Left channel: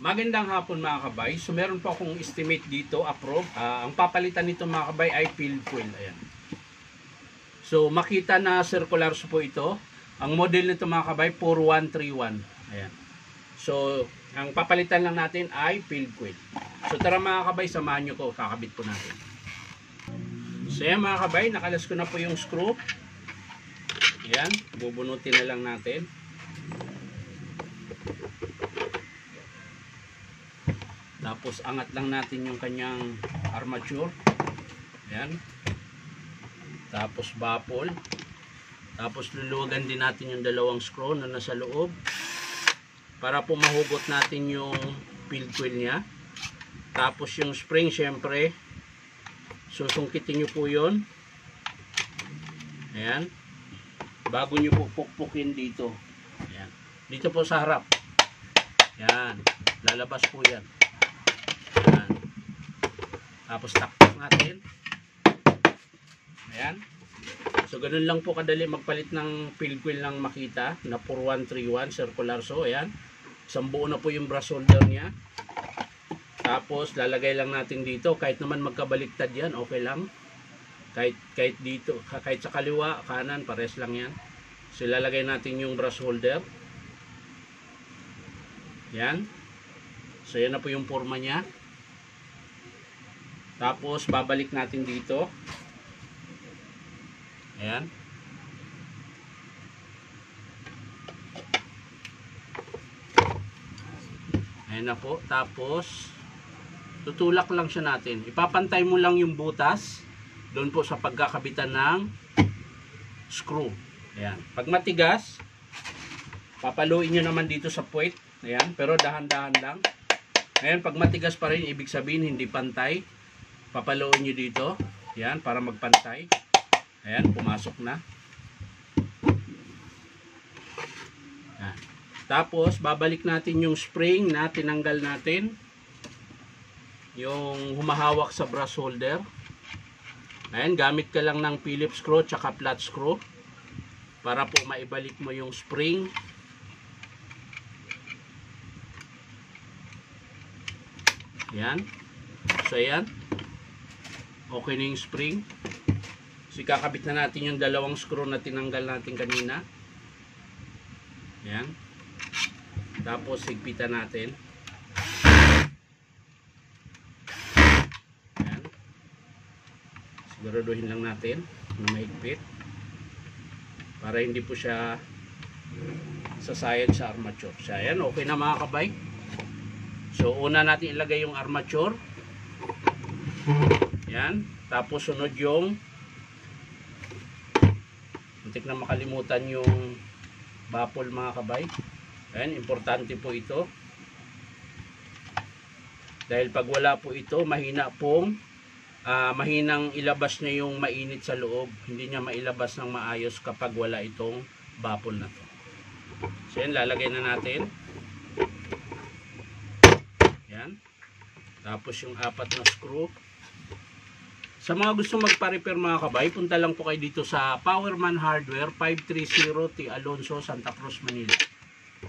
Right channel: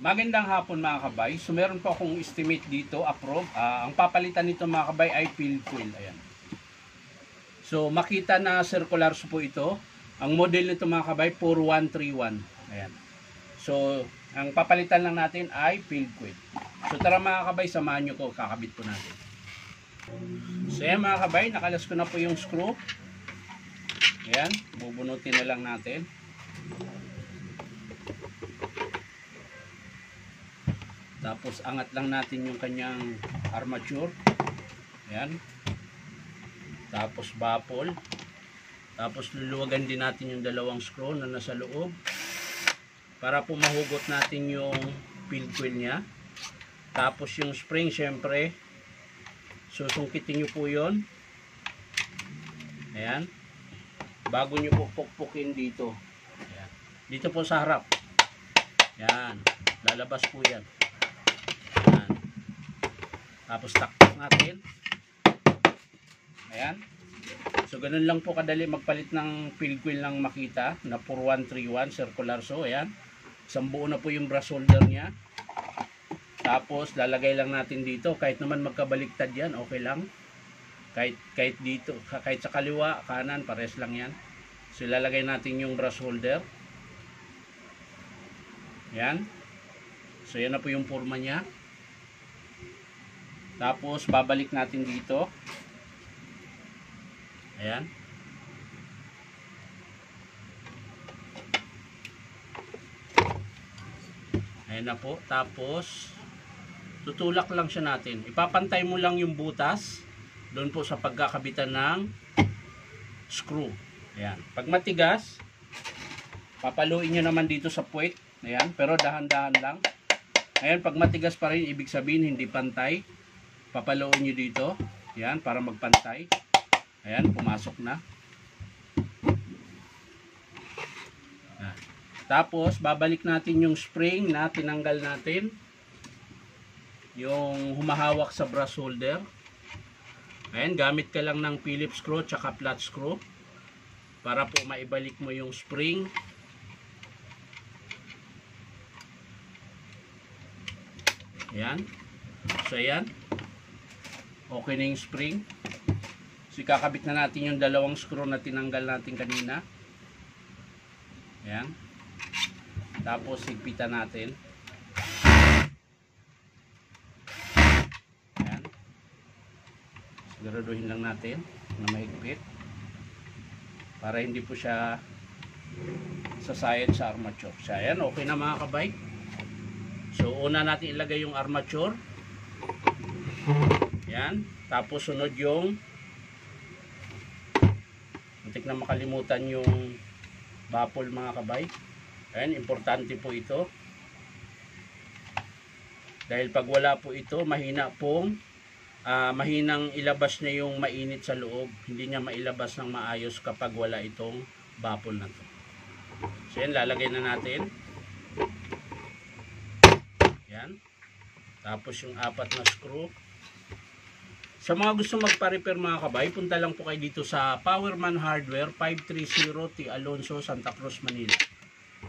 Magandang hapon mga kabay. So meron po akong estimate dito, approve. Ang papalitan nito mga kabay ay field coil. Ayan. So makita na circular po ito. Ang model nito mga kabay 4131. Ayan. So ang papalitan lang natin ay field coil. So tara mga kabay, samahan nyo ko, kakabit po natin. So ayan mga kabay, nakalas ko na po yung screw. Ayan, bubunutin na lang natin. Tapos angat lang natin yung kanyang armature. Ayan. Tapos baffle. Tapos luluwagan din natin yung dalawang screw na nasa loob. Para po mahugot natin yung field coil niya. Tapos yung spring syempre. Susungkitin nyo po yun. Ayan. Bago nyo po pukpukin dito. Ayan. Dito po sa harap. Ayan. Lalabas po yan. Ayan. Tapos takpak natin. Ayan. So ganun lang po kadali magpalit ng field coil ng Makita na 4131 circular. So ayan. Isang buo na po yung brush holder niya. Tapos lalagay lang natin dito. Kahit naman magkabaliktad yan, okay lang. Kahit dito, kahit sa kaliwa, kanan, pares lang yan. So ilalagay natin yung brush holder. Ayan. So yan na po yung forma niya. Tapos babalik natin dito. Ayan. Ayan na po. Tapos tutulak lang siya natin. Ipapantay mo lang yung butas doon po sa pagkakabitan ng screw. Ayan. Pag matigas, papaluin nyo naman dito sa puwet. Ayan. Pero dahan-dahan lang. Ayan. Pag matigas pa rin, ibig sabihin hindi pantay. Papaluin nyo dito. Ayan. Para magpantay. Ayan. Pumasok na. Ayan. Tapos, babalik natin yung spring na tinanggal natin. Yung humahawak sa brush holder. Ayan. Gamit ka lang ng Phillips screw tsaka flat screw. Para po maibalik mo yung spring. Ayan. So, ayan. Okay na yung spring. So, kakabit na natin yung dalawang screw na tinanggal natin kanina. Ayan. Tapos, higpitan natin. Ayan. Siguraduhin lang natin na mahigpit. Para hindi po siya sasayad sa armature. So, ayan. Okay na mga kabay. So, una natin ilagay yung armature. Yan. Tapos, sunod yung muntik na makalimutan yung baffle mga kabay. Ayan. Importante po ito. Dahil pag wala po ito, mahinang ilabas niya yung mainit sa loob. Hindi niya mailabas ng maayos kapag wala itong baffle na to. So, yan. Lalagay na natin. Yan. Tapos yung apat na screw. Sa mga gusto magpa-repair mga kabay, punta lang po kayo dito sa Powerman Hardware 530 T. Alonso, Santa Cruz, Manila.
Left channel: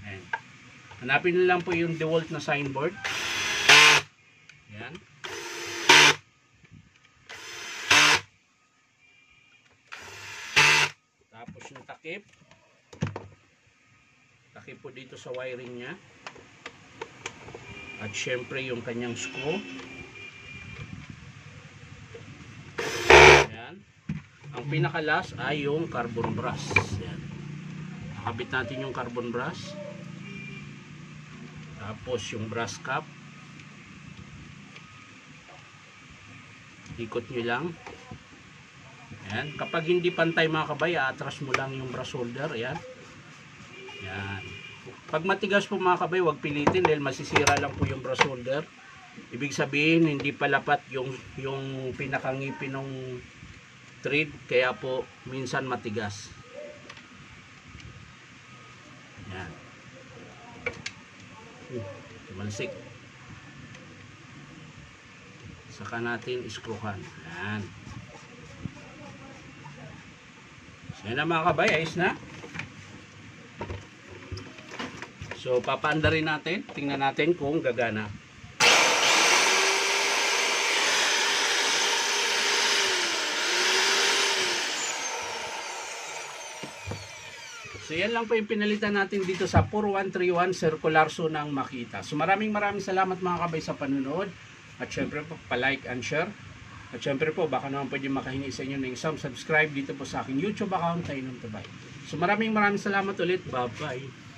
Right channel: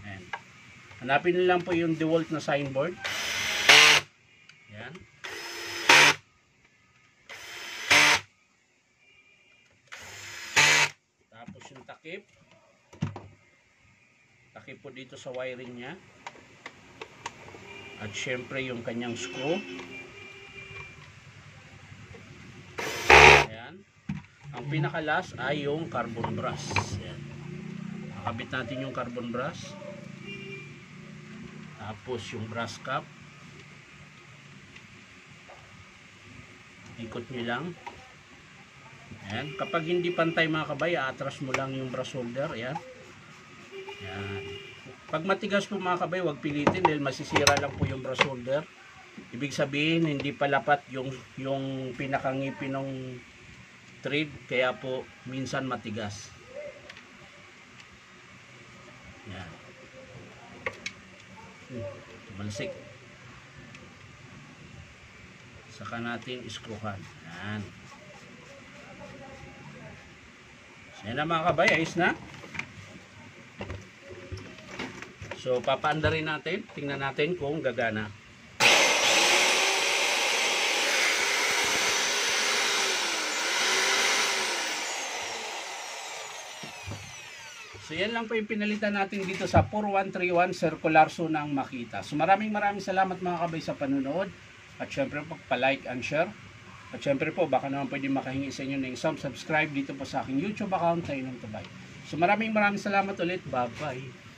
Ayan. Hanapin nyo lang po yung DeWalt na signboard. Ayan. Tapos yung takip. Takip po dito sa wiring nya. At syempre yung kanyang screw. Ayan. Ang pinakalas ay yung carbon brass. Ayan. Nakabit natin yung carbon brass. Tapos yung brass cap. Ikot nyo lang. Ayan. Kapag hindi pantay mga kabay, atras mo lang yung brass holder. Ayan. Ayan. Pag matigas po mga kabay, huwag pilitin dahil masisira lang po yung brush holder. Ibig sabihin, hindi palapat yung pinakangipin ng thread, kaya po minsan matigas. Yan. Tumalsik. Saka natin iskruhan. Yan. So yan na mga kabay, ayos na. So papaanda rin natin, tingnan natin kung gagana. So yan lang po yung pinalitan natin dito sa 4131 circular so ng Makita. So maraming salamat mga kabay sa panunood. At syempre po pa-like and share. At syempre po baka naman pwede makahingi sa inyo ng isang subscribe dito po sa aking YouTube account, Tainom Tubay. So maraming salamat ulit. Bye bye.